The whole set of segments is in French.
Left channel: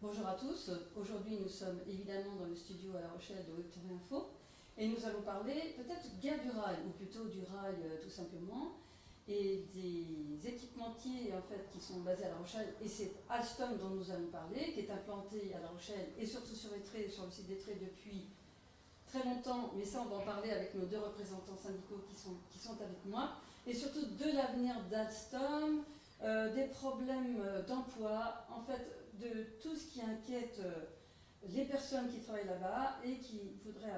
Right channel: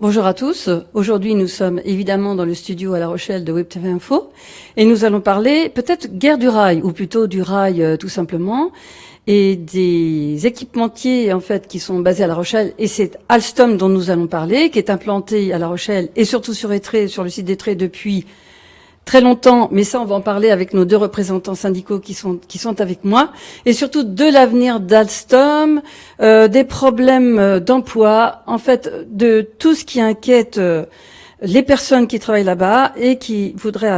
Bonjour à tous. Aujourd'hui, nous sommes évidemment dans le studio à La Rochelle de Web TV Info et nous allons parler peut-être guerre du rail, ou plutôt du rail tout simplement, et des équipementiers en fait qui sont basés à La Rochelle. Et c'est Alstom dont nous allons parler, qui est implanté à La Rochelle et surtout sur Étré, sur le site d'Étré depuis très longtemps, mais ça, on va en parler avec nos deux représentants syndicaux qui sont avec moi, et surtout de l'avenir d'Alstom, des problèmes d'emploi, en fait, de tout ce qui inquiète les personnes qui travaillent là-bas et qui voudraient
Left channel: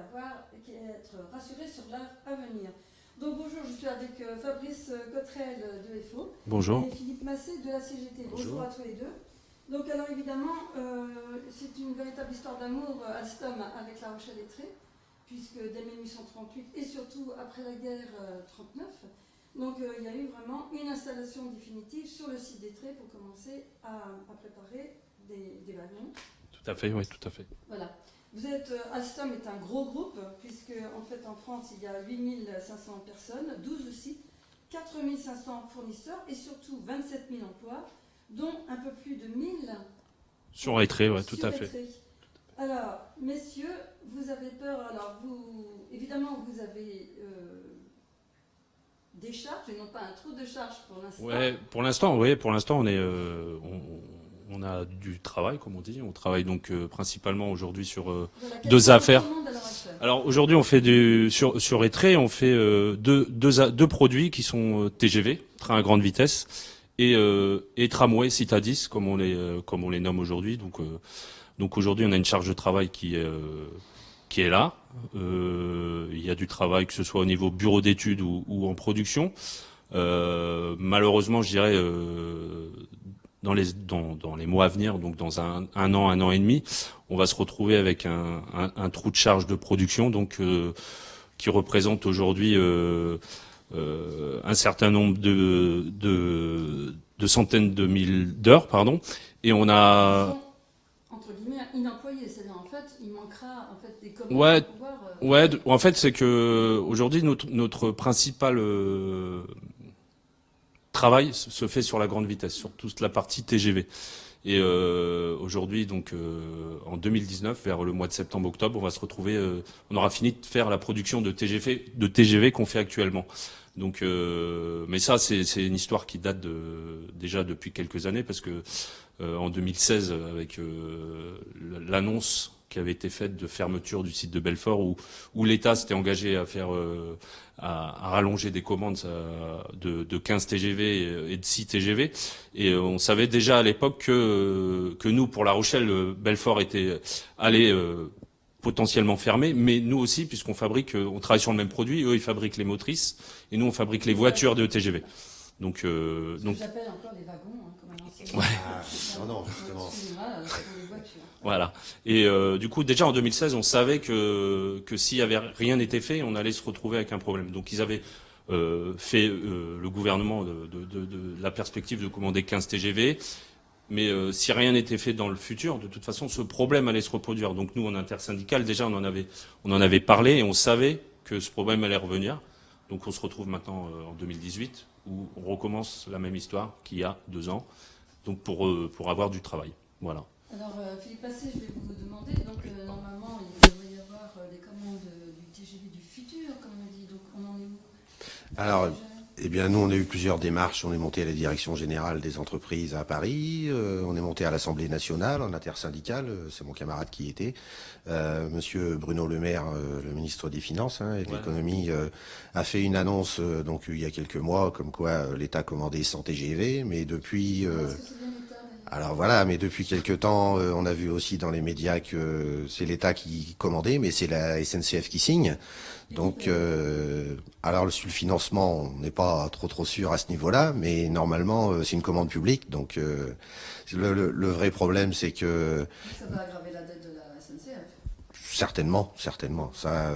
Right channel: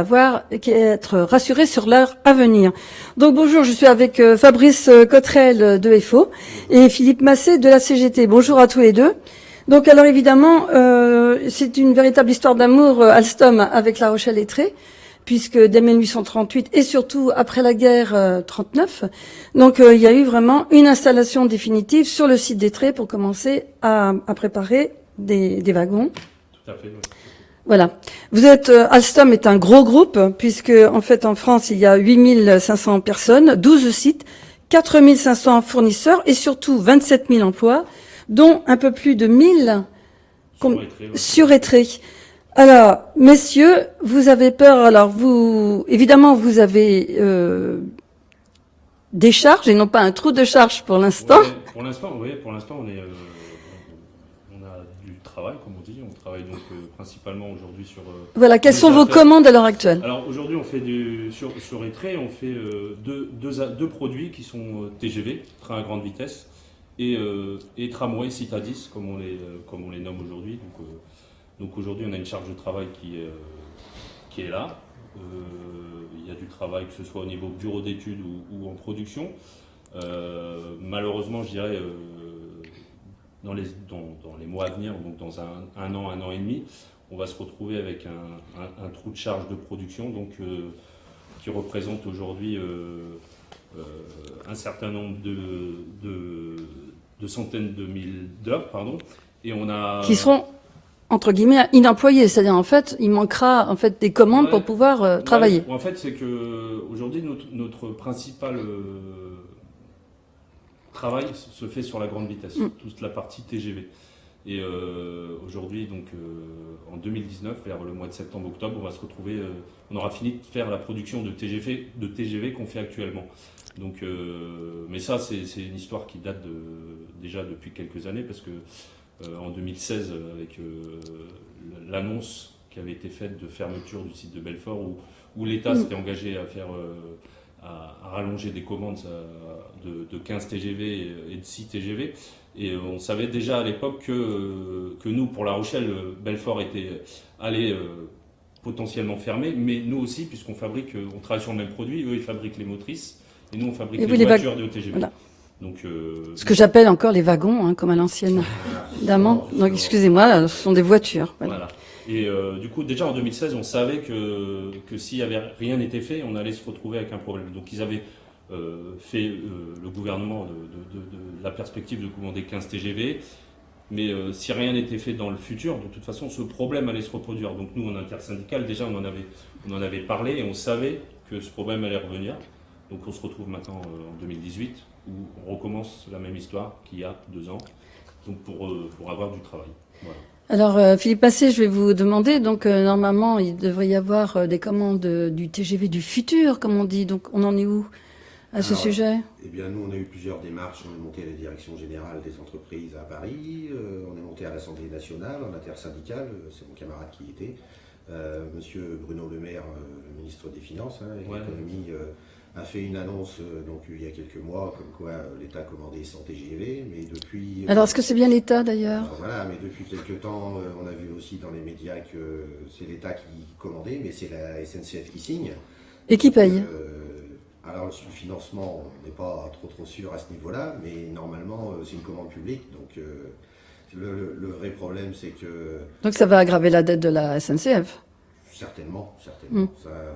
être rassurées sur leur avenir. Donc bonjour, je suis avec Fabrice Cottrel de FO Bonjour. et Philippe Massé de la CGT. Bonjour à tous les deux. Donc alors évidemment, c'est une véritable histoire d'amour Alstom avec La Rochelle et Tré, puisque dès 1838 et surtout après la guerre 39, donc il y a eu vraiment une installation définitive sur le site d'Étré pour commencer à préparer des wagons. Tout à fait, oui, tout à fait. Voilà. Alstom est un gros groupe, puisque en fait en France il y a 8500 personnes, 12 sites, 4500 fournisseurs et surtout 27 000 emplois, dont un peu plus de 1000 Sur Étré, ouais, sur Étré. Alors, messieurs, vous avez peur. Alors, évidemment, vous avez des charges et non pas un trou de charge pour l'instant. Ouais, pour l'instant, on a du travail, comme on dit. On travaille donc principalement aujourd'hui sur Voilà, quelles deux sont vos affaires. commandes à l'heure actuelle? Alors aujourd'hui, on fait sur Étré, on fait deux produits qui sont TGV, train à grande vitesse, et tramway, Citadis, comme on les nomme aujourd'hui. Donc aujourd'hui, on a une charge de travail qui est là. Il y a du travail, que ce soit au niveau bureau d'études ou en production. Malheureusement, je dirais, dans les mois à venir, donc dans un an et demi, on va se retrouver avec un trou de charge de production, donc qui représente aujourd'hui un certain nombre de centaines de mille d'heures, pardon. Et on a Qui seront entre guillemets inemployés, c'est-à-dire en fait, il manquera en fait des commandes pour pouvoir travailler. En fait, c'est que aujourd'hui notre principal travail se fait sur la grande vitesse, toute la partie TGV. Et aujourd'hui, donc en 2019, vers le mois de septembre-octobre, on va se retrouver, on aura fini de faire la production de TGV qu'on fait actuellement. Donc, mais ça, c'est une histoire qui date déjà depuis quelques années, parce que en 2016, avec l'annonce qui avait été faite de fermeture du site de Belfort, où l'État s'était engagé à faire à rallonger des commandes de 15 TGV et de 6 TGV. Et on savait déjà à l'époque que nous, pour La Rochelle, Belfort allait potentiellement fermer, mais nous aussi, puisqu'on on travaille sur le même produit, eux ils fabriquent les motrices, et nous on fabrique les voitures de TGV. Voilà. Donc, ce que j'appelle encore les wagons, hein, comme à l'ancienne. Évidemment. Donc, excusez-moi, ce sont des voitures. Voilà. Et du coup, déjà en 2016, on savait que s'il y avait rien n'était fait, on allait se retrouver avec un problème. Donc, ils avaient fait le gouvernement de la perspective de commander 15 TGV. Mais si rien n'était fait dans le futur, de toute façon, ce problème allait se reproduire. Donc, nous, en intersyndical, déjà, on en avait parlé et on savait que ce problème allait revenir. Donc, on se retrouve maintenant en 2018. Où on recommence la même histoire qu'il y a 2 ans, donc pour avoir du travail. Voilà. Alors, Philippe Massé, je vais vous demander, donc normalement, il devrait y avoir des commandes du TGV du futur, comme on dit, donc on en est où à ce sujet? Eh bien, nous, on a eu plusieurs démarches. On est monté à la direction générale des entreprises à Paris, on est monté à l'Assemblée nationale, en intersyndicale, c'est mon camarade qui y était. Monsieur Bruno Le Maire, le ministre des Finances et de l'économie, a fait une annonce donc il y a quelques mois, comme quoi l'État commandait 100 TGV, mais depuis... Alors, est-ce que c'est bien l'État, d'ailleurs? Alors voilà, mais depuis quelques temps, on a vu aussi dans les médias que c'est l'État qui commandait, mais c'est la SNCF qui signe. Et qui paye? Alors sur le financement, on n'est pas trop sûr à ce niveau-là, mais normalement c'est une commande publique, donc le vrai problème c'est que... Donc ça va aggraver la dette de la SNCF? Certainement. Ça,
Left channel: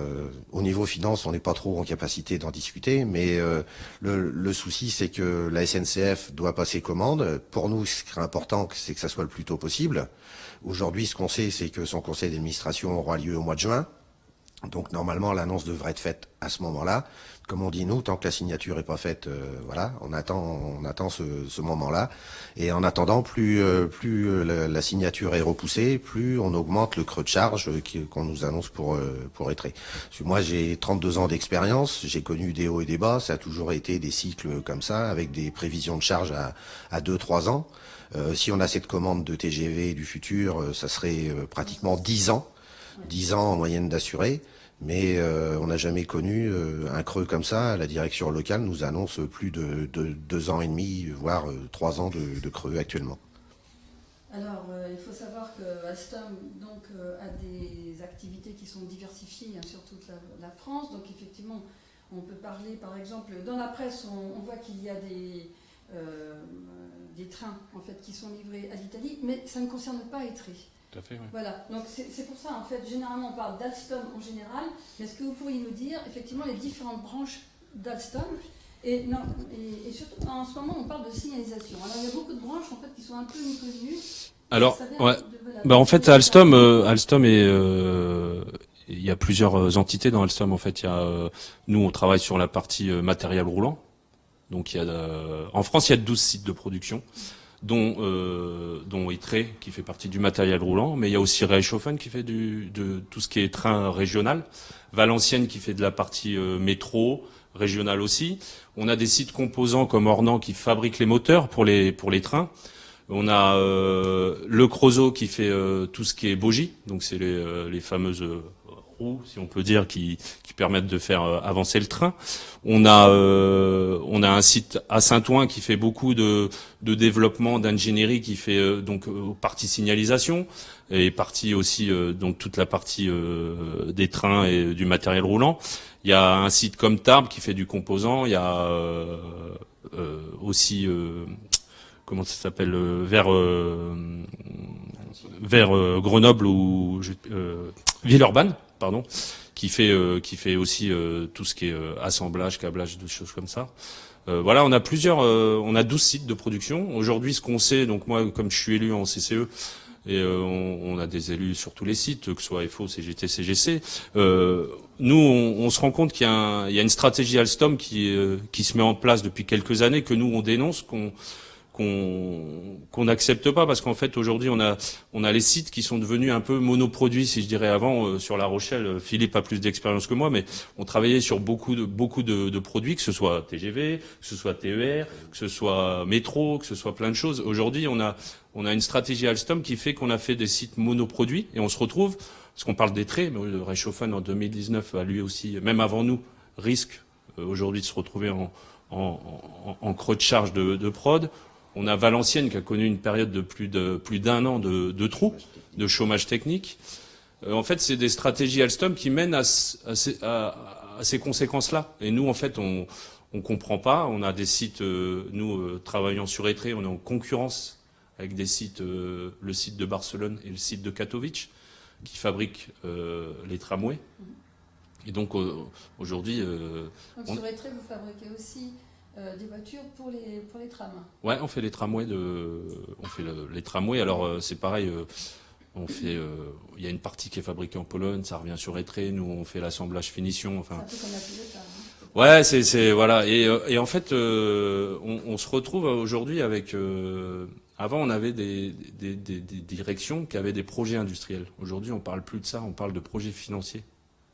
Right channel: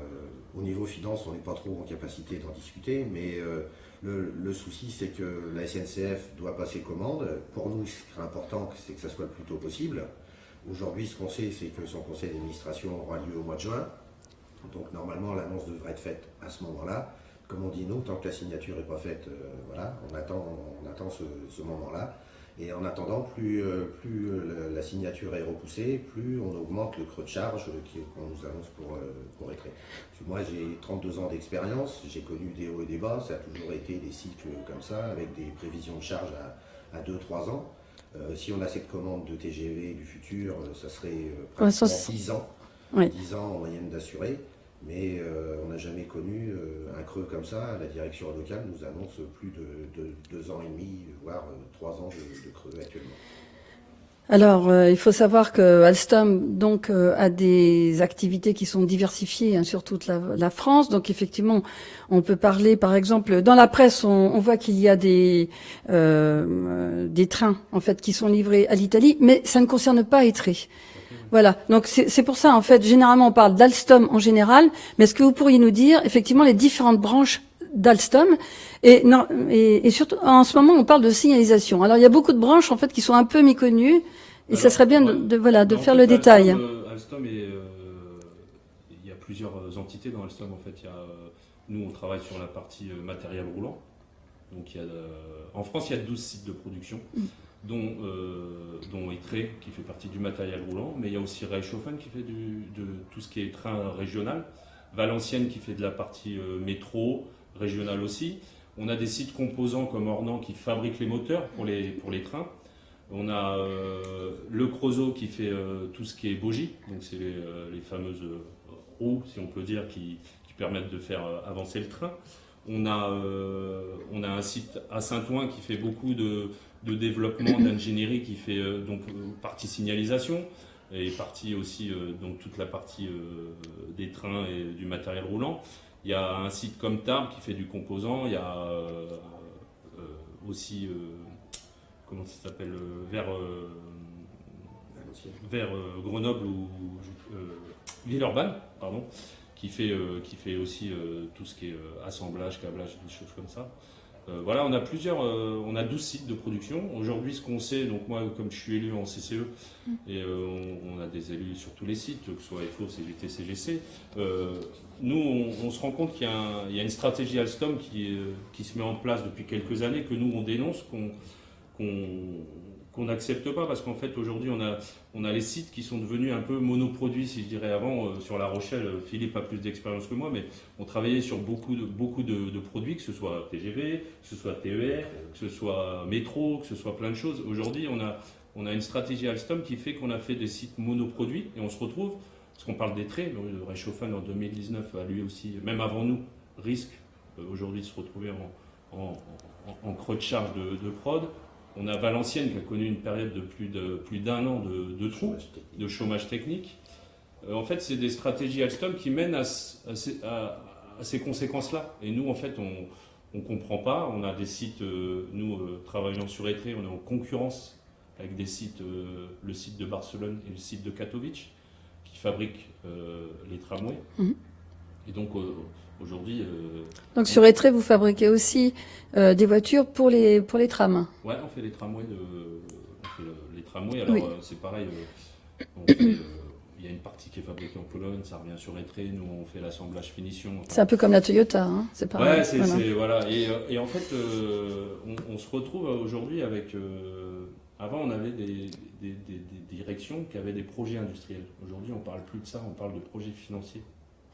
au niveau finance, on n'est pas trop en capacité d'en discuter, mais le souci c'est que la SNCF doit passer commande. Pour nous, ce qui est important, c'est que ça soit le plus tôt possible. Aujourd'hui, ce qu'on sait, c'est que son conseil d'administration aura lieu au mois de juin. Donc normalement, l'annonce devrait être faite à ce moment-là. comme on dit nous, tant que la signature est pas faite, voilà, on attend ce moment-là. Et en attendant, plus la signature est repoussée, plus on augmente le creux de charge qu'on nous annonce pour Etré. Parce que moi, j'ai 32 ans d'expérience, j'ai connu des hauts et des bas, ça a toujours été des cycles comme ça, avec des prévisions de charge à 2-3 ans. Si on a cette commande de TGV du futur, ça serait pratiquement 10 ans. Oui. 10 ans en moyenne d'assurés. Mais on n'a jamais connu un creux comme ça. La direction locale nous annonce plus de 2 ans et demi, voire 3 ans de creux actuellement. Alors, il faut savoir que Alstom donc a des activités qui sont diversifiées hein, sur toute la France. Donc, effectivement, on peut parler, par exemple, dans la presse, on voit qu'il y a des trains en fait qui sont livrés à l'Italie, mais ça ne concerne pas Etré. Oui. Voilà. Donc, c'est pour ça en fait, généralement, on parle d'Alstom en général. Mais est-ce que vous pourriez nous dire effectivement les différentes branches d'Alstom et surtout en ce moment, on parle de signalisation. Alors, il y a beaucoup de branches en fait qui sont un peu méconnues. Et ça serait bien de faire en fait, le détail. Alstom est, il y a plusieurs entités dans Alstom. En fait, nous, on travaille sur la partie matériel roulant. Donc, en France, il y a 12 sites de production, dont Etré, qui fait partie du matériel roulant. Mais il y a aussi Reichshofen qui fait de tout ce qui est train régional. Valenciennes qui fait de la partie métro, régional aussi. On a des sites composants comme Ornans qui fabriquent les moteurs pour les trains. On a le Creusot qui fait tout ce qui est bogie, donc c'est les fameuses roues, si on peut dire, qui permettent de faire avancer le train. On a un site à Saint-Ouen qui fait beaucoup de développement, d'ingénierie, qui fait donc partie signalisation et partie aussi donc toute la partie des trains et du matériel roulant. Il y a un site comme Tarbes qui fait du composant. Il y a aussi comment ça s'appelle vers Grenoble ou Villeurbanne, pardon, qui fait aussi tout ce qui est assemblage, câblage, des choses comme ça. Voilà, on a 12 sites de production. Aujourd'hui, ce qu'on sait, donc moi, comme je suis élu en CCE, et on a des élus sur tous les sites, que ce soit FO, CGT, CGC, nous, on se rend compte qu'il y a une stratégie Alstom qui se met en place depuis quelques années, que nous, on dénonce, qu'on n'accepte pas, parce qu'en fait aujourd'hui on a les sites qui sont devenus un peu monoproduits, si je dirais. Avant sur La Rochelle, Philippe a plus d'expérience que moi, mais on travaillait sur beaucoup de produits, que ce soit TGV, que ce soit TER, que ce soit métro, que ce soit plein de choses. Aujourd'hui on a une stratégie Alstom qui fait qu'on a fait des sites monoproduits, et on se retrouve, parce qu'on parle des traits, mais le Reichshofen en 2019 a lui aussi, même avant nous, risque aujourd'hui de se retrouver en creux de charge de prod. On a Valenciennes qui a connu une période de plus d'un an de trous, de chômage technique. En fait, c'est des stratégies Alstom qui mènent à ces conséquences-là. Et nous, en fait, on comprend pas. On a des sites, nous, travaillant sur Etré, on est en concurrence avec des sites, le site de Barcelone et le site de Katowice, qui fabriquent les tramways. Et donc, aujourd'hui... donc, sur Etré, vous fabriquez aussi des voitures pour les trams. Ouais, on fait les tramways les tramways. Alors Oui. c'est pareil. Il y a une partie qui est fabriquée en Pologne, ça revient sur Etré. Nous, on fait l'assemblage finition. Enfin, C'est un peu comme la Toyota. Hein, c'est pareil. Ouais, voilà. Et en fait, on se retrouve aujourd'hui avec. Avant, on avait des directions qui avaient des projets industriels. Aujourd'hui, on parle plus de ça. On parle de projets financiers.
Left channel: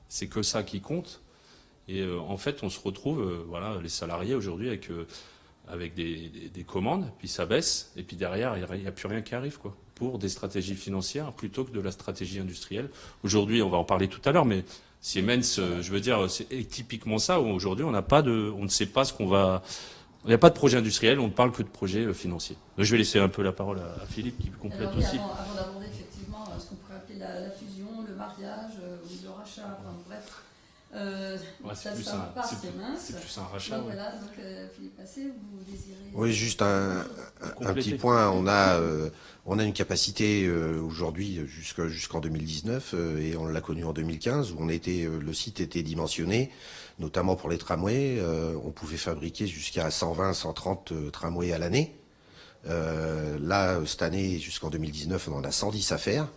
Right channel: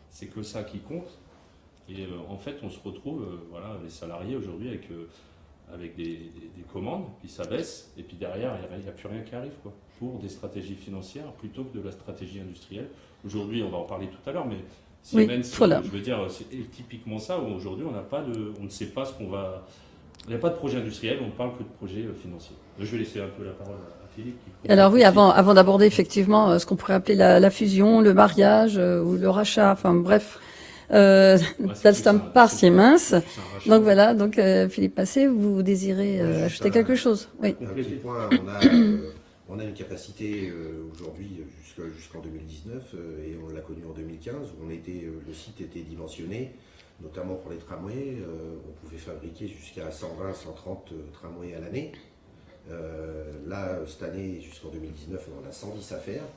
C'est que ça qui compte. Et en fait, on se retrouve, les salariés aujourd'hui avec des commandes, puis ça baisse, et puis derrière, il n'y a plus rien qui arrive, quoi, pour des stratégies financières plutôt que de la stratégie industrielle. Aujourd'hui, on va en parler tout à l'heure, mais Siemens, voilà. je veux dire, c'est typiquement ça, où aujourd'hui, on ne sait pas ce qu'on va... Il n'y a pas de projet industriel, on ne parle que de projet financier. Je vais laisser un peu la parole à Philippe. Alors oui, avant d'aborder effectivement ce qu'on pourrait appeler la fusion, le mariage ou le rachat, enfin bref... Alstom par Siemens. Donc voilà, donc Philippe Massé, vous désirez ajouter quelque chose? Oui. Un petit point, on a une capacité aujourd'hui jusqu'en 2019 et on l'a connu en 2015 où le site était dimensionné, notamment pour les tramways. On pouvait fabriquer jusqu'à 120-130 tramways à l'année. Là, cette année, jusqu'en 2019, on en a 110 à faire.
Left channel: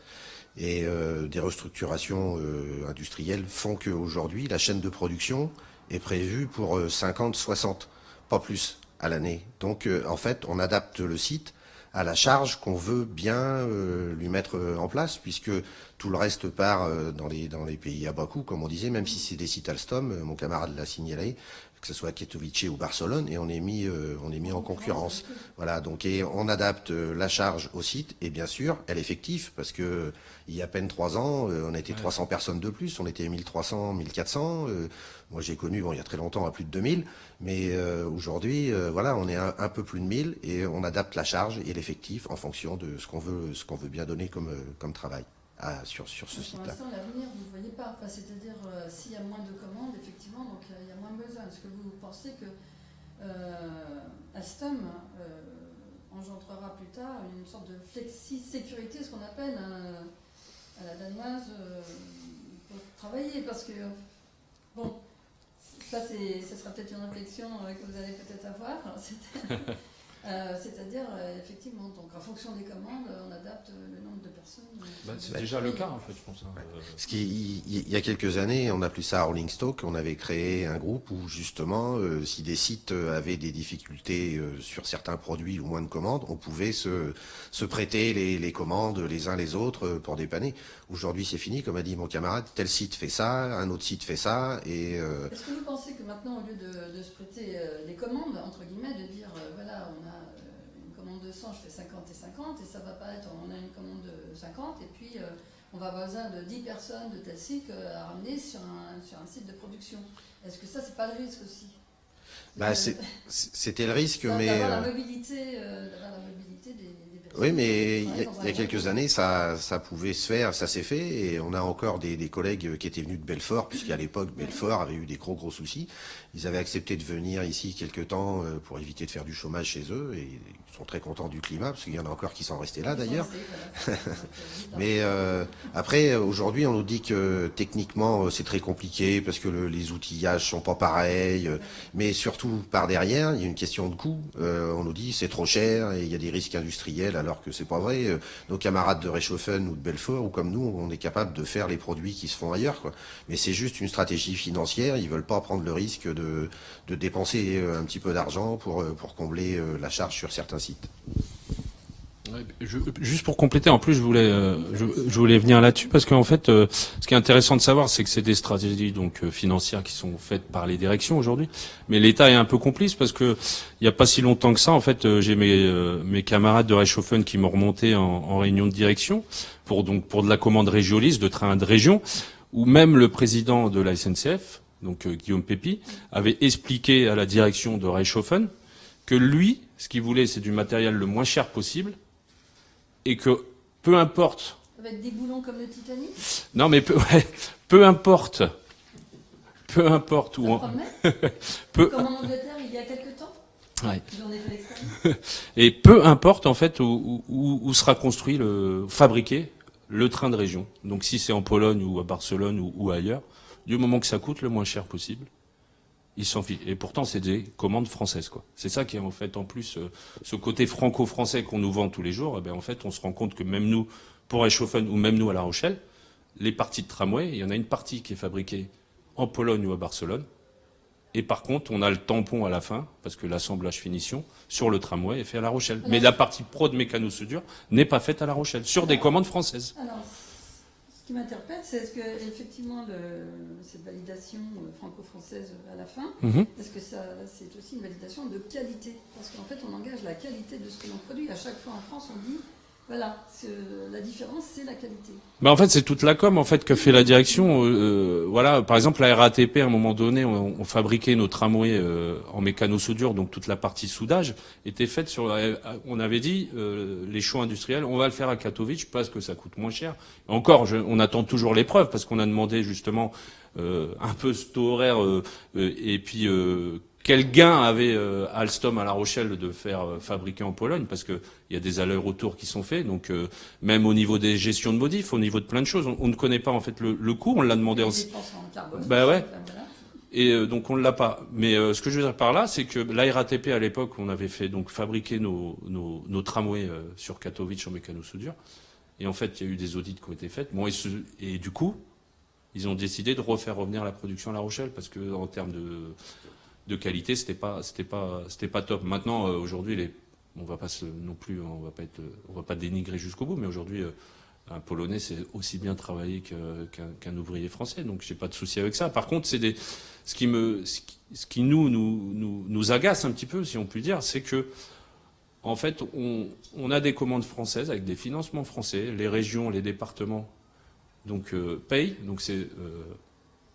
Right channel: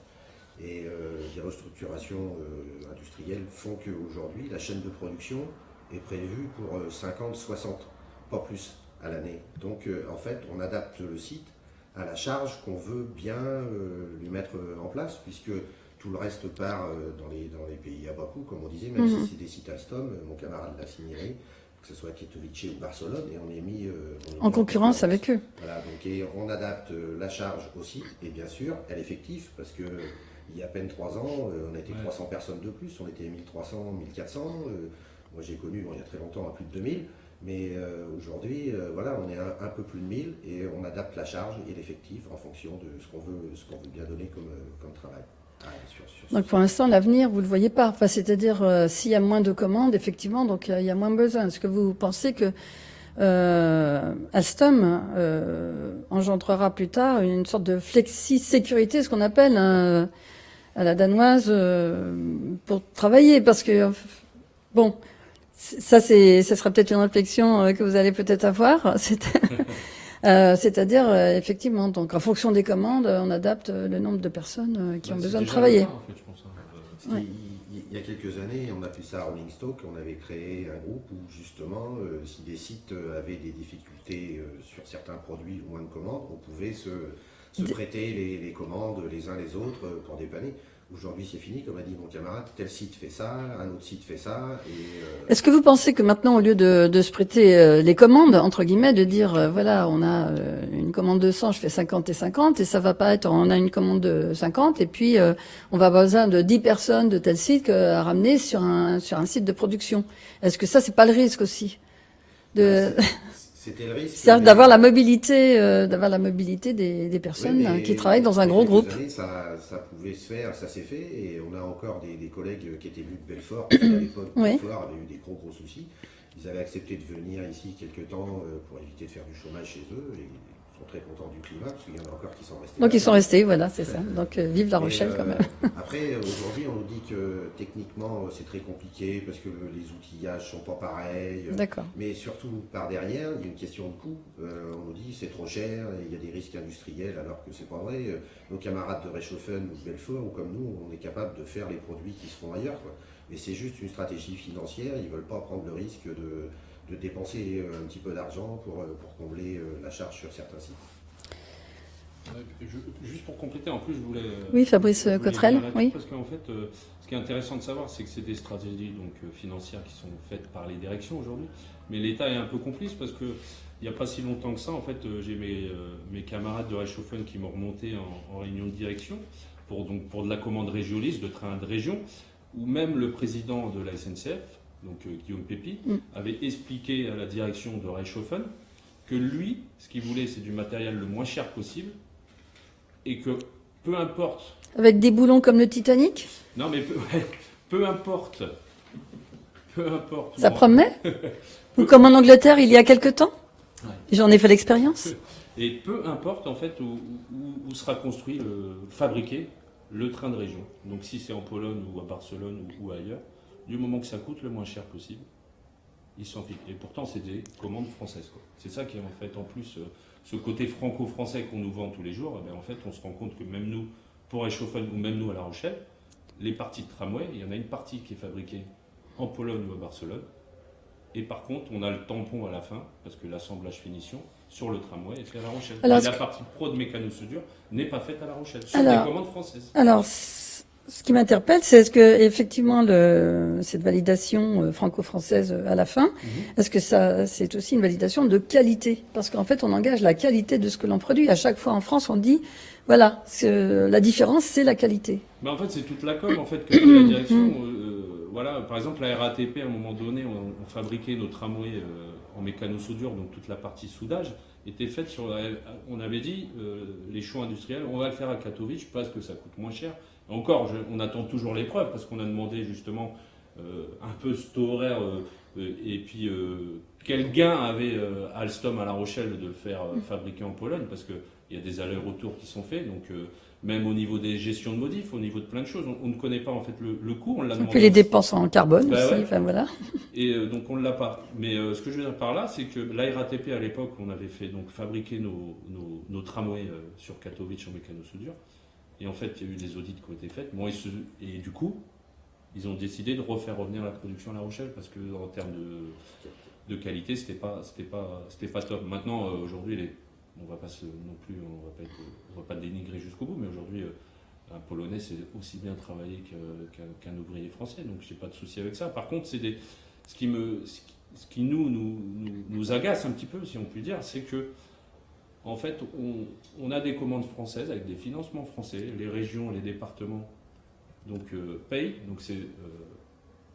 Et des restructurations industrielles font qu'aujourd'hui, la chaîne de production est prévu pour 50, 60, pas plus à l'année. Donc en fait, on adapte le site à la charge qu'on veut bien lui mettre en place, puisque tout le reste part dans les pays à bas coût, comme on disait, même si c'est des sites Alstom, mon camarade l'a signalé, que ce soit à Katowice ou Barcelone, et on est mis En concurrence avec eux. Voilà, donc et on adapte la charge au site, et bien sûr, elle est effective, parce que il y a à peine 3 ans, on était 300 personnes de plus, on était 1300, 1400. Moi j'ai connu, bon, il y a très longtemps, à plus de 2000, mais aujourd'hui, voilà, on est un peu plus de 1000, et on adapte la charge et l'effectif en fonction de ce qu'on veut bien donner comme travail. Sur ce Donc pour l'instant, l'avenir, vous ne le voyez pas. Enfin, c'est-à-dire, s'il y a moins de commandes, effectivement, donc il y a moins besoin. Est-ce que vous pensez que Alstom engendrera plus tard une sorte de flexi-sécurité, ce qu'on appelle à la danoise, pour travailler? Parce que, bon, ça sera peut-être une réflexion que vous allez peut-être avoir. C'est-à-dire, effectivement, donc en fonction des commandes, on adapte le nombre de personnes qui ont besoin de travailler. En fait, je pense, Il y a quelques années, on appelait ça Rolling Stock, on avait créé un groupe où justement, si des sites avaient des difficultés sur certains produits ou moins de commandes, on pouvait se prêter les commandes les uns les autres pour dépanner. Aujourd'hui, c'est fini, comme a dit mon camarade, tel site fait ça, un autre site fait ça. Est-ce que vous pensez que maintenant, au lieu de se prêter les commandes, entre guillemets, de dire, voilà, on a une commande de 100, je fais 50 et 50, et ça va pas être, on a une commande de 50, et puis on va avoir besoin de 10 personnes de tel site à ramener sur un site de production. Est-ce que ça, c'est pas le risque aussi? C'était le risque. C'est d'avoir la mobilité, des personnes qui travaillent dans un gros groupe. Il y a quelques années, ça pouvait se faire, ça s'est fait, et on a encore des collègues qui étaient venus de Belfort, parce qu'à l'époque, Belfort avait eu des gros soucis. Ils avaient accepté de venir ici quelque temps pour éviter de faire du chômage chez eux, et ils sont très contents du climat, parce qu'il y en a encore qui sont restés là. Donc ils sont restés, voilà, c'est ça. Donc vive La Rochelle. Après, aujourd'hui, on nous dit que techniquement, c'est très compliqué, parce que les outillages sont pas pareils. Mais surtout, par derrière, il y a une question de coût. On nous dit c'est trop cher, et il y a des risques industriels, alors que c'est pas vrai. Nos camarades de Reichshofen ou de Belfort, ou comme nous, on est capable de faire les produits qui se font ailleurs, quoi. Mais c'est juste une stratégie financière. Ils veulent pas prendre le risque de dépenser un petit peu d'argent pour combler la charge sur certains sites. Juste pour compléter, en plus, je voulais Fabrice, venir là-dessus, parce qu'en fait, ce qui est intéressant de savoir, c'est que c'est des stratégies donc financières qui sont faites par les directions aujourd'hui, mais l'État est un peu complice, parce que il y a pas si longtemps que ça, en fait, j'ai mes camarades de Reichshofen qui m'ont remonté en réunion de direction pour de la commande Régiolis, de trains de région, où même le président de la SNCF, donc Guillaume Pépi, avait expliqué à la direction de Reichshofen que lui, ce qu'il voulait, c'est du matériel le moins cher possible, et que peu importe... Avec des boulons comme le Titanic? Non, mais peu importe... Ça promet Comme en Angleterre, il y a quelque temps. Ouais. J'en ai fait l'expérience. Et peu importe, en fait, où sera fabriqué le train de région. Donc si c'est en Pologne ou à Barcelone ou ailleurs, du moment que ça coûte le moins cher possible, ils s'en fichent. Et pourtant, c'est des commandes françaises, quoi. C'est ça qui est en fait en plus ce côté franco-français qu'on nous vend tous les jours. Eh bien, en fait, on se rend compte que même nous, pour Reichshofen ou même nous à La Rochelle, les parties de tramway, il y en a une partie qui est fabriquée en Pologne ou à Barcelone. Et par contre, on a le tampon à la fin, parce que l'assemblage finition sur le tramway est fait à La Rochelle. Mais la partie pro de mécano-soudure n'est pas faite à La Rochelle, sur des commandes françaises. Alors, ce qui m'interpelle, c'est est-ce que effectivement cette validation franco-française à la fin, est-ce que ça c'est aussi une validation de qualité? Parce qu'en fait, on engage la qualité de ce que l'on produit. À chaque fois en France, on dit voilà, la différence, c'est la qualité. En fait, c'est toute la com en fait que fait la direction. Voilà, par exemple, la RATP, à un moment donné, on fabriquait nos tramways en mécano-soudure, donc toute la partie soudage était faite sur. On avait dit les choix industriels, on va le faire à Katowice parce que ça coûte moins cher. Encore, on attend toujours les preuves parce qu'on a demandé justement un peu ce taux horaire et puis quel gain avait Alstom à La Rochelle de faire fabriquer en Pologne, parce que il y a des allers-retours qui sont faits, donc même au niveau des gestions de modifs, au niveau de plein de choses, on ne connaît pas en fait le coût, on l'a demandé. Et les dépenses en carbone aussi, ouais. enfin, voilà. Et donc on ne l'a pas. Mais ce que je veux dire par là, c'est que la RATP à l'époque, on avait fait donc fabriquer nos tramways sur Katowice en mécano-soudure, et en fait il y a eu des audits qui ont été faits. Bon, et du coup, ils ont décidé de refaire revenir la production à La Rochelle parce que en termes de qualité, c'était pas top. Maintenant, aujourd'hui, on va pas non plus, on va pas dénigrer jusqu'au bout, mais aujourd'hui, un Polonais, c'est aussi bien travaillé qu'un ouvrier français, donc j'ai pas de souci avec ça. Par contre, ce qui nous agace un petit peu, si on peut dire, c'est que en fait, on a des commandes françaises avec des financements français, les régions, les départements, donc payent, donc c'est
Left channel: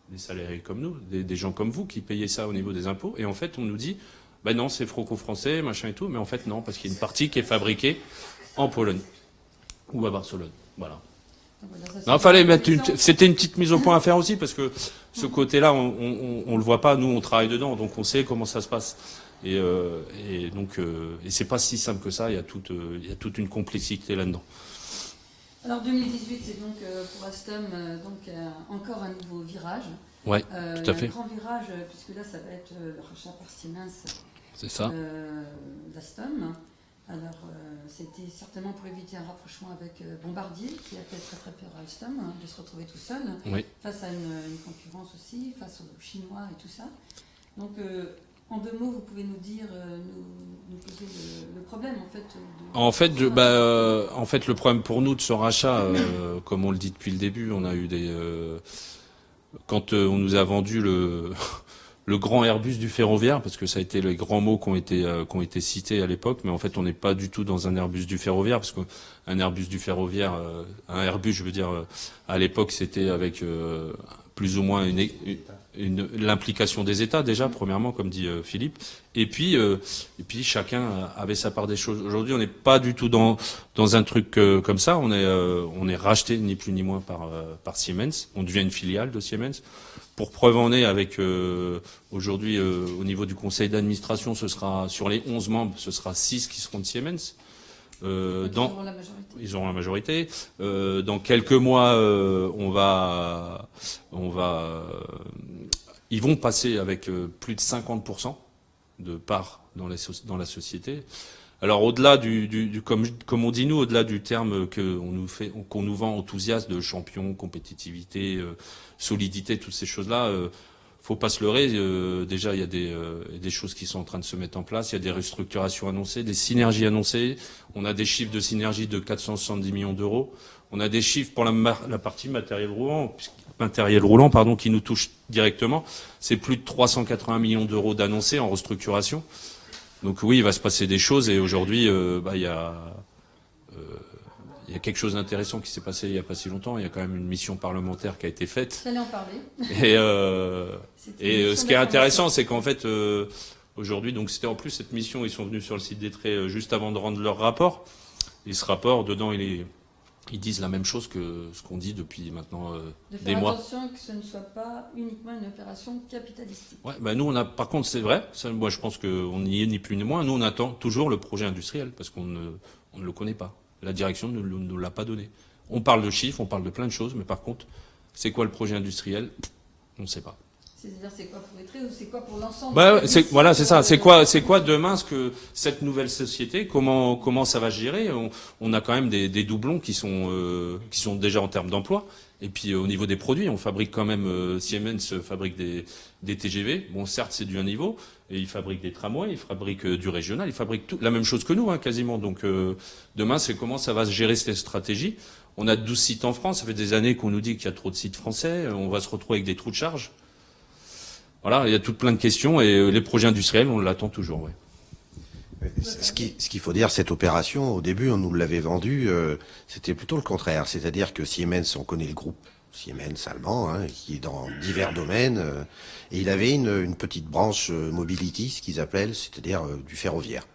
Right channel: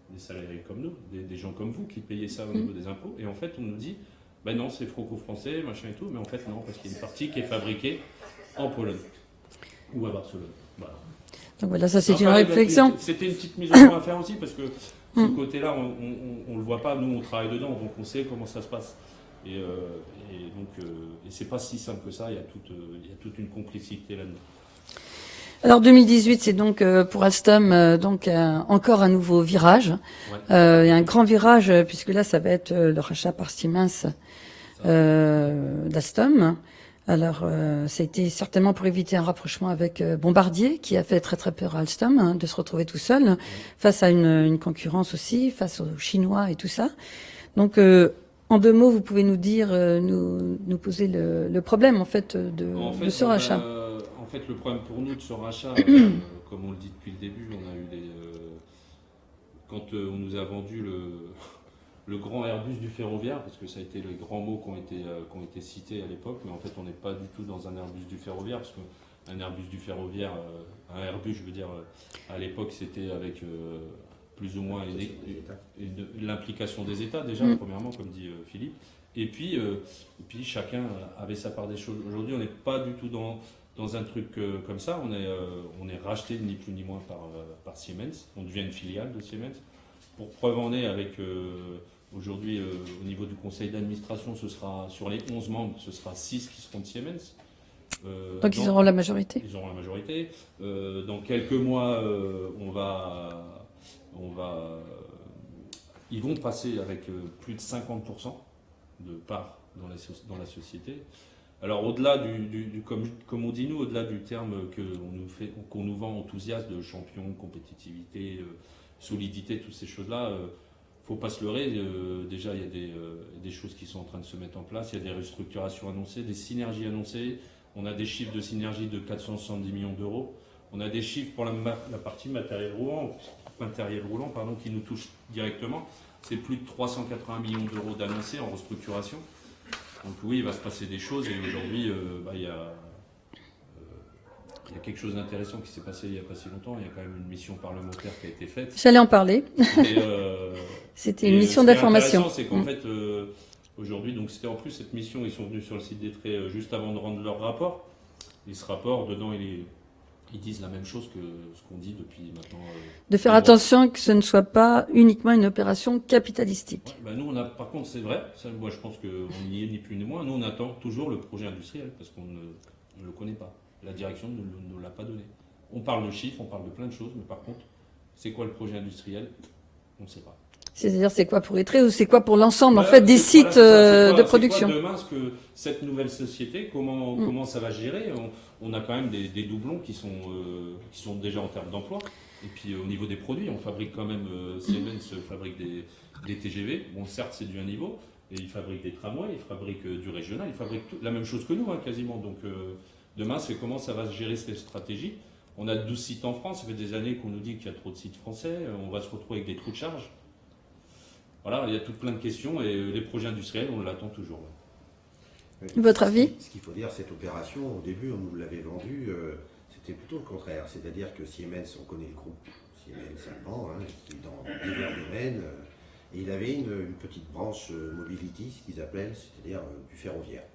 des salariés comme nous, des gens comme vous qui payez ça au niveau des impôts, et en fait, on nous dit, ben non, c'est franco-français, machin et tout, mais en fait non, parce qu'il y a une partie qui est fabriquée en Pologne ou à Barcelone. Voilà. Donc voilà, ça c'est Non, une fallait réflexion. c'était une petite mise au point à faire aussi, parce que ce côté-là, on le voit pas, nous on travaille dedans, donc on sait comment ça se passe. Et donc, c'est pas si simple que ça, il y a toute une complexité là-dedans. Alors 2018, c'est donc pour Alstom donc encore un nouveau virage. Ouais, Il y a tout à un fait. grand virage puisque là, ça va être le rachat par Siemens C'est ça. d'Alstom. Alors, ça a été certainement pour éviter un rapprochement avec Bombardier, qui a fait très très peur à Alstom de se retrouver tout seul Oui. face à une concurrence aussi, face aux Chinois et tout ça. Donc, en 2 mots, vous pouvez nous dire, nous poser le problème en fait de ce rachat. En fait, le problème pour nous de ce rachat, comme on le dit depuis le début, on a eu quand on nous a vendu le grand Airbus du ferroviaire, parce que ça a été les grands mots qui ont été cités à l'époque, mais en fait on n'est pas du tout dans un Airbus du ferroviaire, parce qu'un Airbus du ferroviaire, un Airbus, je veux dire, à l'époque c'était avec plus ou moins l'implication des États déjà, premièrement, comme dit Philippe, et puis chacun avait sa part des choses. Aujourd'hui, on n'est pas du tout dans un truc comme ça. On est racheté ni plus ni moins par Siemens. On devient une filiale de Siemens. Pour preuve en est, avec aujourd'hui au niveau du conseil d'administration, ce sera sur les 11 membres, ce sera 6 qui seront de Siemens. Donc, ils auront la majorité. Ils auront la majorité. Dans quelques mois, ils vont passer avec plus de 50% de parts dans la société. Alors au-delà comme on dit nous, au-delà du terme qu'on nous vend enthousiaste de champion, compétitivité, solidité, toutes ces choses-là, faut pas se leurrer. Déjà, il y a des choses qui sont en train de se mettre en place. Il y a des restructurations annoncées, des synergies annoncées. On a des chiffres de synergie de 470 millions d'euros. On a des chiffres pour la partie matériel roulant, qui nous touche directement. C'est plus de 380 millions d'euros d'annoncés en restructuration. Donc oui, il va se passer des choses, et aujourd'hui, il y a quelque chose d'intéressant qui s'est passé il n'y a pas si longtemps. Il y a quand même une mission parlementaire qui a été faite. J'allais en parler. Et, C'était une mission ce qui est d'information. intéressant, c'est qu'en fait, aujourd'hui, donc c'était en plus cette mission, ils sont venus sur le site des traits juste avant de rendre leur rapport. Et ce rapport, dedans, ils disent la même chose que ce qu'on dit depuis maintenant. De faire des mois. attention que ce ne soit pas uniquement une opération capitalistique. Ouais, nous, par contre, c'est vrai. Ça, moi, je pense qu'on n'y est ni plus ni moins. Nous, on attend toujours le projet industriel parce qu'on ne le connaît pas. La direction ne nous l'a pas donné. On parle de chiffres, on parle de plein de choses, mais par contre, c'est quoi le projet industriel? On ne sait pas. C'est-à-dire, c'est quoi pour Etré ou c'est quoi pour l'ensemble Bah, en fait, des sites voilà, c'est ça. de C'est quoi production. demain cette nouvelle société? Comment ça va se gérer? On a quand même des doublons qui sont déjà en termes d'emploi. Et puis au niveau des produits, on fabrique quand même Siemens fabrique des TGV. Bon, certes, c'est du haut niveau. Et ils fabriquent des tramways, ils fabriquent du régional, ils fabriquent la même chose que nous, hein, quasiment. Donc demain, c'est comment ça va se gérer cette stratégie. On a 12 sites en France. Ça fait des années qu'on nous dit qu'il y a trop de sites français. On va se retrouver avec des trous de charge. Voilà, il y a toutes plein de questions, et les projets industriels, on l'attend toujours. Ouais. Votre avis? Ce qu'il faut dire, cette opération, au début, on nous l'avait vendue, c'était plutôt le contraire. C'est-à-dire que Siemens, on connaît le groupe Siemens allemand, hein, qui est dans divers domaines, et il avait une petite branche mobility, ce qu'ils appellent, c'est-à-dire du ferroviaire.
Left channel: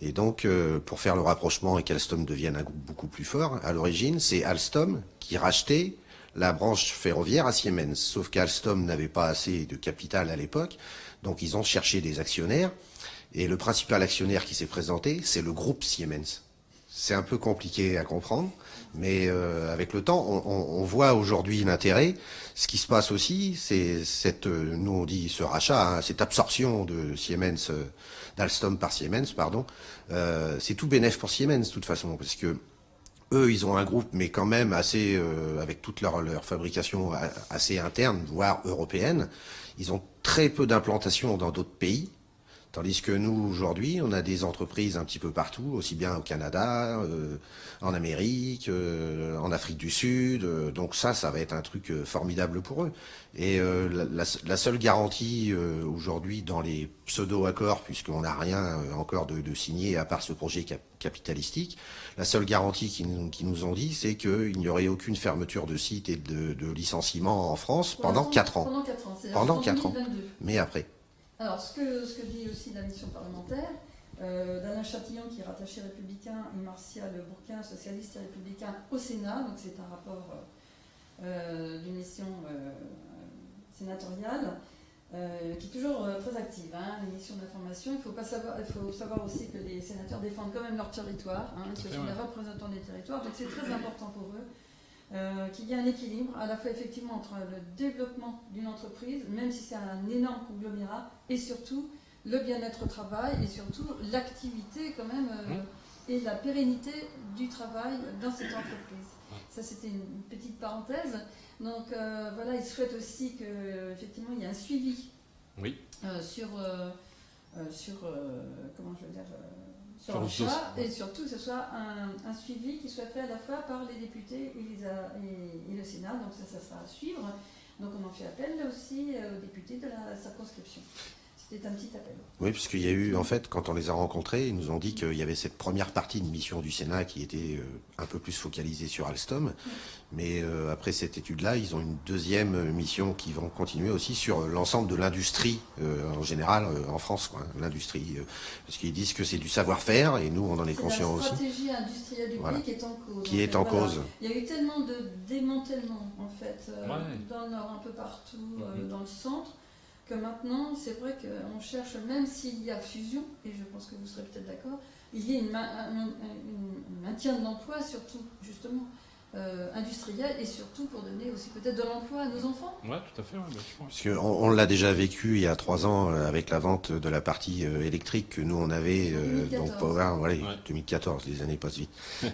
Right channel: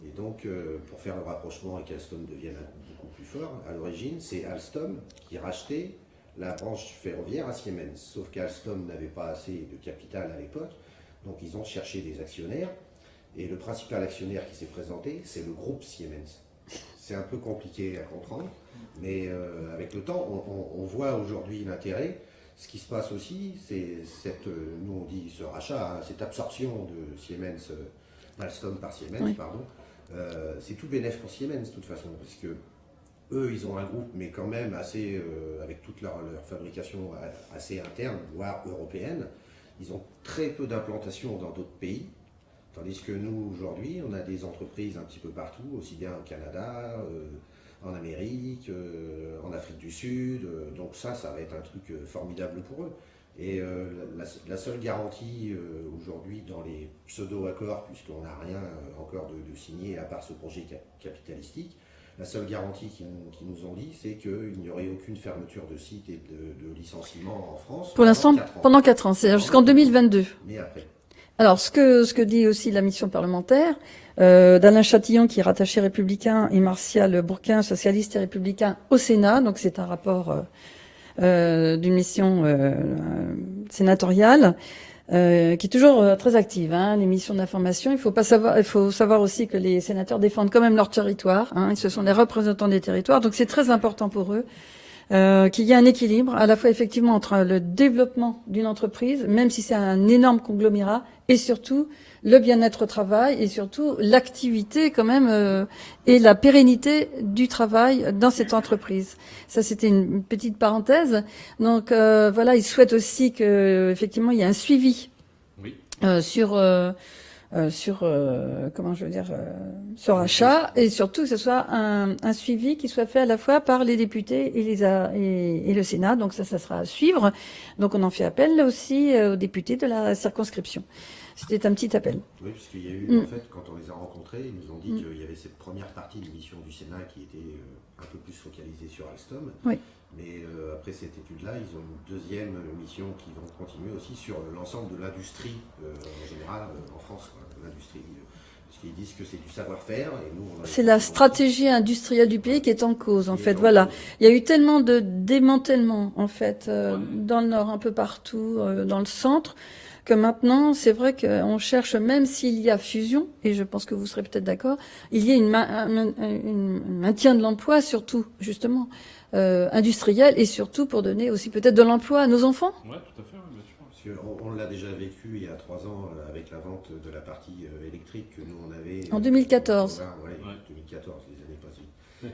Et donc, pour faire le rapprochement et qu'Alstom devienne un groupe beaucoup plus fort, à l'origine, c'est Alstom qui rachetait la branche ferroviaire à Siemens. Sauf qu'Alstom n'avait pas assez de capital à l'époque, donc ils ont cherché des actionnaires. Et le principal actionnaire qui s'est présenté, c'est le groupe Siemens. C'est un peu compliqué à comprendre, mais avec le temps, on voit aujourd'hui l'intérêt. Ce qui se passe aussi, c'est nous on dit ce rachat, hein, cette absorption de Siemens, d'Alstom par Siemens, pardon. C'est tout bénef pour Siemens de toute façon, parce que eux, ils ont un groupe, mais quand même assez, avec toute leur fabrication assez interne, voire européenne. Ils ont très peu d'implantation dans d'autres pays. Tandis que nous, aujourd'hui, on a des entreprises un petit peu partout, aussi bien au Canada, en Amérique, en Afrique du Sud. Donc ça va être un truc formidable pour eux. Et la seule garantie aujourd'hui dans les pseudo-accords, puisqu'on n'a rien encore de signé à part ce projet capitalistique, la seule garantie qu'ils nous ont dit, c'est qu'il n'y aurait aucune fermeture de site et de licenciement en France Pour l'instant, pendant 4 ans. pendant 4 ans, c'est-à-dire Pendant jusqu'en 4 ans. 2022. Mais après. Alors, ce que dit aussi la mission parlementaire, d'Alain Chatillon, qui est rattaché républicain, et Martial Bourquin, socialiste et républicain au Sénat, donc c'est un rapport d'une mission sénatoriale, qui est toujours très active, hein, les missions d'information. Il faut savoir aussi que les sénateurs défendent quand même leur territoire, hein, ce sont les représentants des territoires, donc c'est très important pour eux. Qu'il y ait un équilibre à la fois effectivement entre le développement d'une entreprise, même si c'est un énorme conglomérat, et surtout le bien-être au travail et surtout l'activité quand même et la pérennité du travail dans cette entreprise. Ça, c'était une petite parenthèse. Donc voilà, ils souhaitent aussi que effectivement il y ait un suivi Oui. sur comment je veux dire ce rachat, et surtout que ce soit un suivi qui soit fait à la fois par les députés et le Sénat. Donc ça sera à suivre. Donc on en fait appel là aussi aux députés de la circonscription. C'était un petit appel. Oui, parce qu'il y a eu, en fait, quand on les a rencontrés, ils nous ont dit qu'il y avait cette première partie de mission du Sénat qui était un peu plus focalisée sur Alstom. Oui. Mais après cette étude-là, ils ont une deuxième mission qui vont continuer aussi sur l'ensemble de l'industrie en général en France, quoi, l'industrie. Parce qu'ils disent que c'est du savoir-faire et nous, on en est C'est la conscients stratégie industrielle du pays Voilà. qui est en cause, en Qui est fait. en Voilà. cause. Il y a eu tellement de démantèlement, en fait, dans le Nord, un peu partout, dans le centre, que maintenant, c'est vrai qu'on cherche, même s'il y a fusion, et je pense que vous serez peut-être d'accord, il y a un maintien de l'emploi, surtout, justement, industriel, et surtout pour donner aussi peut-être de l'emploi à nos enfants. Ouais, tout à fait, ouais, bien sûr. Parce qu'on l'a déjà vécu il y a 3 ans avec la vente de la partie électrique que nous on avait En 2014. Voilà, Ouais. 2014, les années passent vite.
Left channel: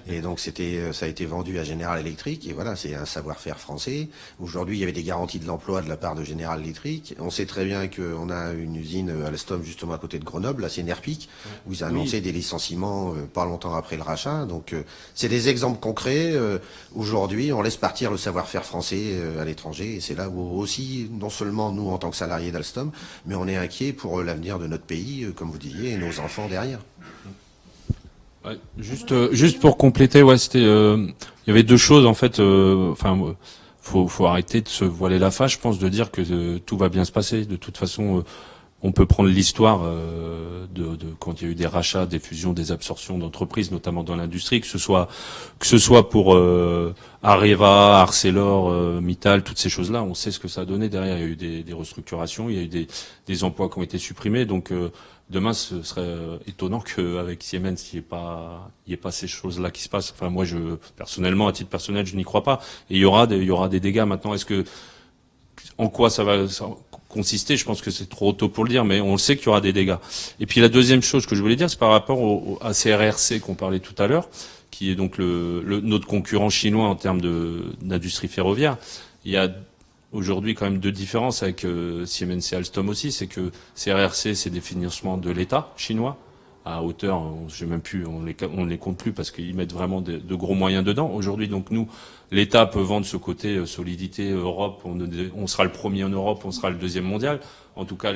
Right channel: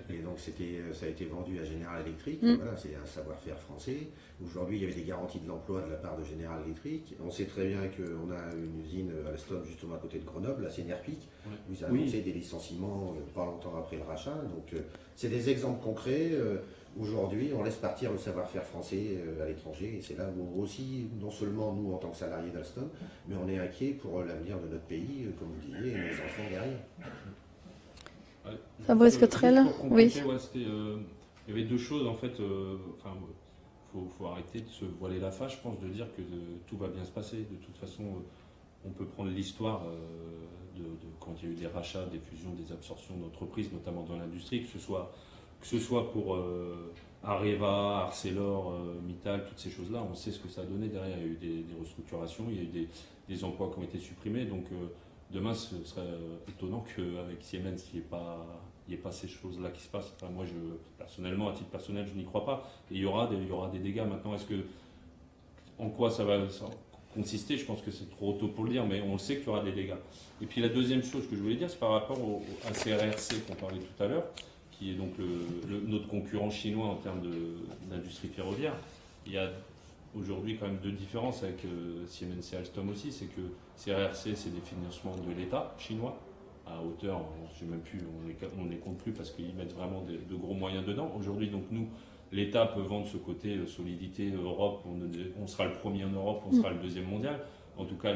Et donc ça a été vendu à General Electric et voilà, c'est un savoir-faire français. Aujourd'hui, il y avait des garanties de l'emploi de la part de General Electric. On sait très bien qu'on a une usine à Alstom justement à côté de Grenoble, là c'est Nerpic, où ils ont annoncé des licenciements pas longtemps après le rachat. Donc c'est des exemples concrets. Aujourd'hui, on laisse partir le savoir-faire français à l'étranger et c'est là où aussi, non seulement nous en tant que salariés d'Alstom, mais on est inquiet pour l'avenir de notre pays, comme vous disiez, et nos enfants derrière. Ouais, Fabrice juste Cotrel, pour compléter, ouais, c'était, il y avait deux choses en fait. Enfin, faut arrêter de se voiler la face, je pense, de dire que tout va bien se passer. De toute façon, on peut prendre l'histoire de quand il y a eu des rachats, des fusions, des absorptions d'entreprises, notamment dans l'industrie, que ce soit pour Areva, Arcelor, Mittal, toutes ces choses-là. On sait ce que ça a donné derrière. Il y a eu des restructurations, il y a eu des emplois qui ont été supprimés. Donc demain, ce serait étonnant qu'avec Siemens, il n'y ait pas ces choses-là qui se passent. Enfin, moi, personnellement, à titre personnel, je n'y crois pas. Et il y aura des dégâts. Maintenant, en quoi ça va consister? Je pense que c'est trop tôt pour le dire, mais on le sait qu'il y aura des dégâts. Et puis la deuxième chose que je voulais dire, c'est par rapport à CRRC qu'on parlait tout à l'heure, qui est donc notre concurrent chinois en termes d'industrie ferroviaire. Il y a aujourd'hui quand même deux différences avec Siemens et Alstom aussi, c'est que CRRC, c'est des financements de l'État chinois à hauteur, je sais même plus, on les compte plus parce qu'ils mettent vraiment de gros moyens dedans. Aujourd'hui, donc nous, l'État peut vendre ce côté solidité Europe, on sera le premier en Europe, on sera le deuxième mondial. En tout cas,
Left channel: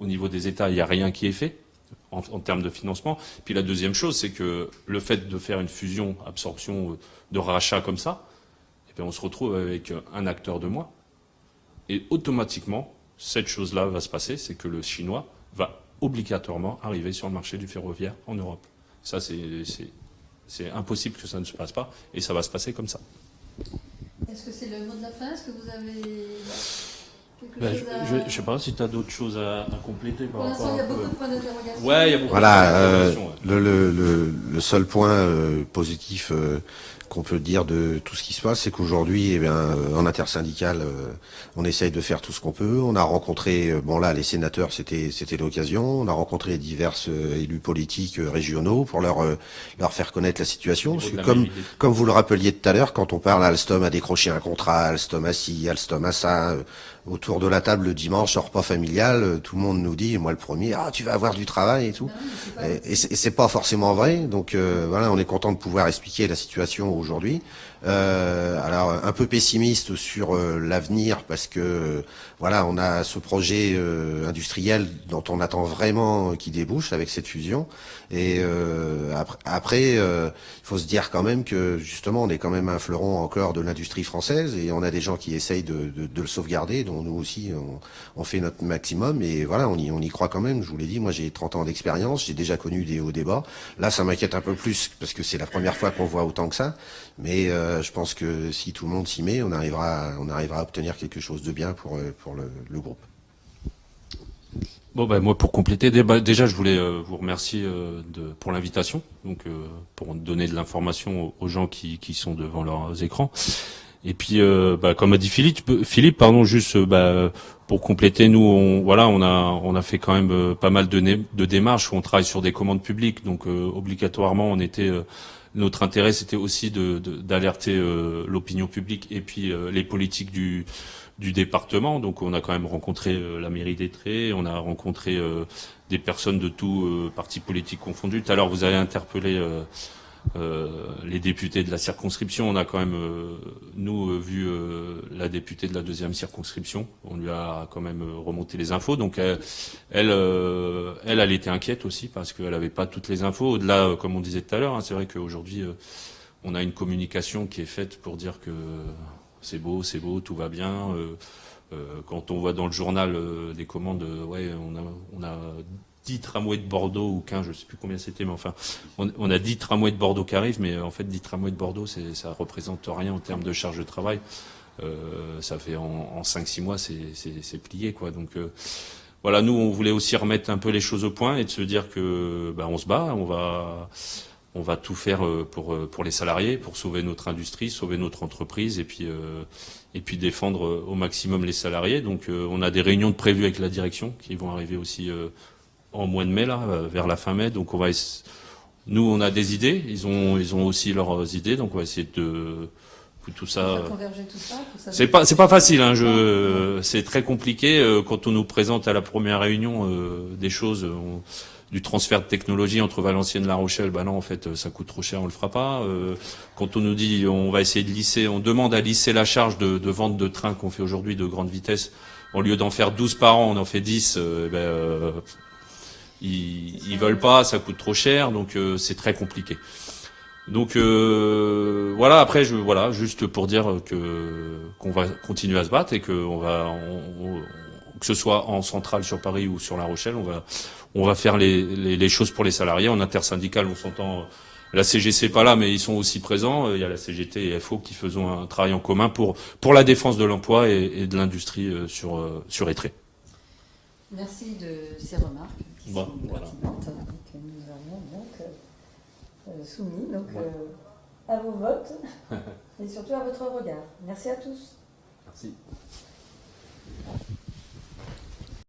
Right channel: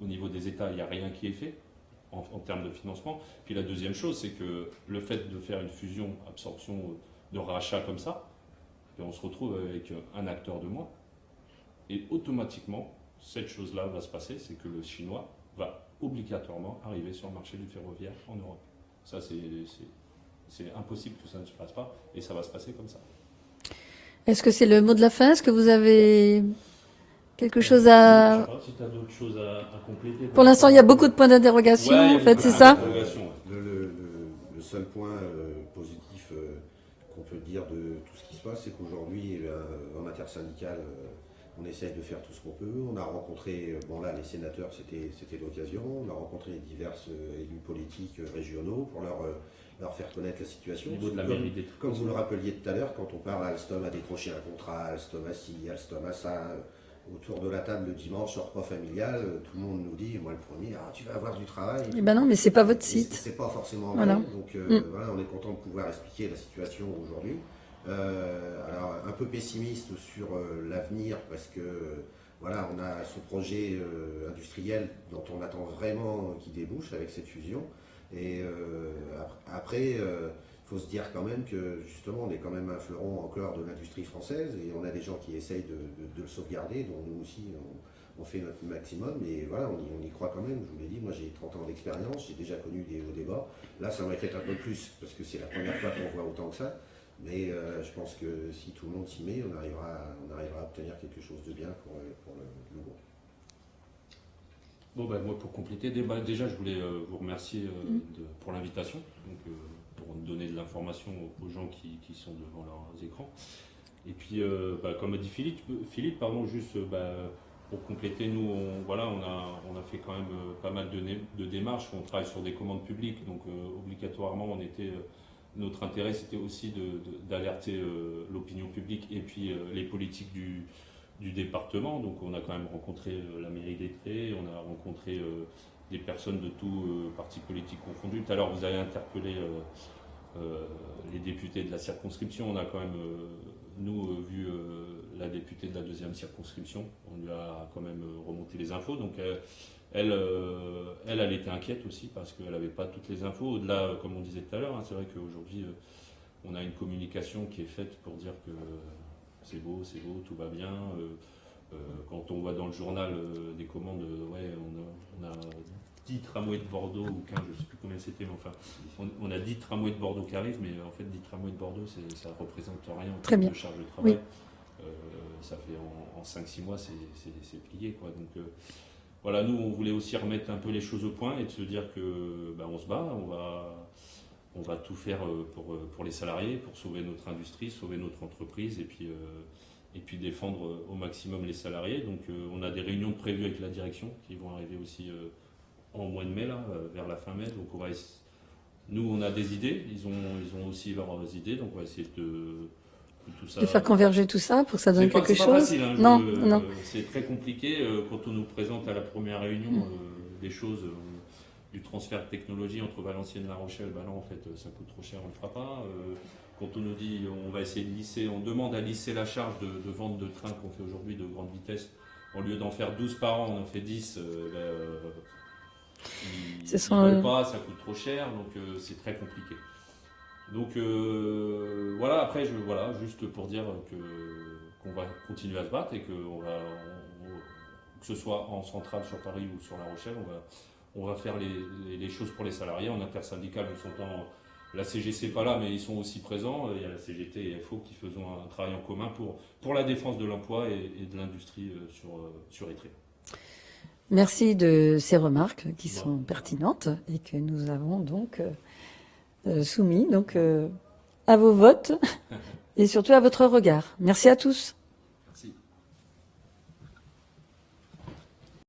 au niveau des États, il n'y a rien qui est fait en termes de financement. Puis la deuxième chose, c'est que le fait de faire une fusion, absorption, de rachat comme ça, eh bien, on se retrouve avec un acteur de moins. Et automatiquement, cette chose-là va se passer, c'est que le Chinois va obligatoirement arriver sur le marché du ferroviaire en Europe. Ça, c'est impossible que ça ne se passe pas, et ça va se passer comme ça. Est-ce que c'est le mot de la fin? Est-ce que vous avez quelque chose à... Je ne sais pas si tu as d'autres choses à compléter. Pour l'instant, il y a beaucoup de points d'interrogation. Ouais, il y a en fait, beaucoup c'est Voilà, ça le seul point positif qu'on peut dire de tout ce qui se passe, c'est qu'aujourd'hui, eh bien, en intersyndical, on essaye de faire tout ce qu'on peut. On a rencontré, bon là, les sénateurs, c'était l'occasion. On a rencontré divers élus politiques régionaux pour leur faire connaître la situation. Parce que comme vous le rappeliez tout à l'heure, quand on parle, Alstom a décroché un contrat, Alstom a ci, Alstom a ça. Autour de la table le dimanche, en repas familial, tout le monde nous dit, et moi le premier, ah tu vas avoir du travail et tout. Ben non, mais c'est pas votre Et c'est pas forcément vrai. Non. Donc voilà, on est content de pouvoir expliquer la situation aujourd'hui. Alors un peu pessimiste sur l'avenir parce que voilà, on a ce projet industriel dont on attend vraiment qu'il débouche avec cette fusion. Et après, il faut se dire quand même que justement, on est quand même un fleuron encore de l'industrie française et on a des gens qui essayent de le sauvegarder. Donc nous aussi, on fait notre maximum et voilà, on y croit quand même. Je vous l'ai dit, moi j'ai 30 ans d'expérience, j'ai déjà connu des hauts des bas. Là, ça m'inquiète un peu plus parce que c'est la première fois qu'on voit autant que ça. Mais je pense que si tout le monde s'y met, on arrivera à obtenir quelque chose de bien pour le groupe. Bon, ben, moi, pour compléter, déjà, je voulais vous remercier pour l'invitation, donc pour donner de l'information aux gens qui sont devant leurs écrans. Et puis, comme a dit Philippe, pardon, juste pour compléter, nous, on a fait quand même pas mal de démarches où on travaille sur des commandes publiques, donc obligatoirement, notre intérêt, c'était aussi d'alerter l'opinion publique et puis les politiques du département. Donc on a quand même rencontré la mairie d'Étré, on a rencontré des personnes de tous partis politiques confondus. Tout à l'heure, vous avez interpellé les députés de la circonscription. On a quand même, vu la députée de la 2e circonscription. On lui a quand même remonté les infos. Donc elle était inquiète aussi parce qu'elle n'avait pas toutes les infos. Au-delà, comme on disait tout à l'heure, hein, c'est vrai qu'aujourd'hui, on a une communication qui est faite pour dire que c'est beau, tout va bien. Quand on voit dans le journal des commandes, on a 10 tramways de Bordeaux ou 15, je ne sais plus combien c'était, mais enfin, on a 10 tramways de Bordeaux qui arrivent, mais en fait, 10 tramways de Bordeaux, ça représente rien en termes de charge de travail. Ça fait en 5-6 mois, c'est plié, quoi. Donc, voilà, nous, on voulait aussi remettre un peu les choses au point et de se dire que, on se bat, on va tout faire pour les salariés, pour sauver notre industrie, sauver notre entreprise et puis défendre au maximum les salariés. Donc on a des réunions de prévues avec la direction qui vont arriver aussi en mois de mai, là, vers la fin mai. Donc nous, on a des idées, ils ont aussi leurs idées, donc on va essayer de tout ça. Faire converger tout ça pour que ça donne quelque C'est pas chose. facile, hein, Non. c'est très compliqué quand on nous présente à la première réunion des choses. Du transfert de technologie entre Valenciennes et La Rochelle, non, en fait, ça coûte trop cher, on le fera pas. Quand on nous dit, on va essayer de lisser, on demande à lisser la charge de vente de trains qu'on fait aujourd'hui de grande vitesse. Au lieu d'en faire 12 par an, on en fait 10. Ils veulent pas, ça coûte trop cher, donc c'est très compliqué. Donc voilà. Après, juste pour dire qu'on va continuer à se battre et que que ce soit en centrale sur Paris ou sur La Rochelle, on va faire les choses pour les salariés. En intersyndical, on s'entend. La CGC pas là, mais ils sont aussi présents. Il y a la CGT et FO qui faisons un travail en commun pour la défense de l'emploi et de l'industrie sur Étré. Merci de ces remarques qui sont pertinentes et que nous avons donc soumis à vos votes et surtout à votre regard. Merci à tous.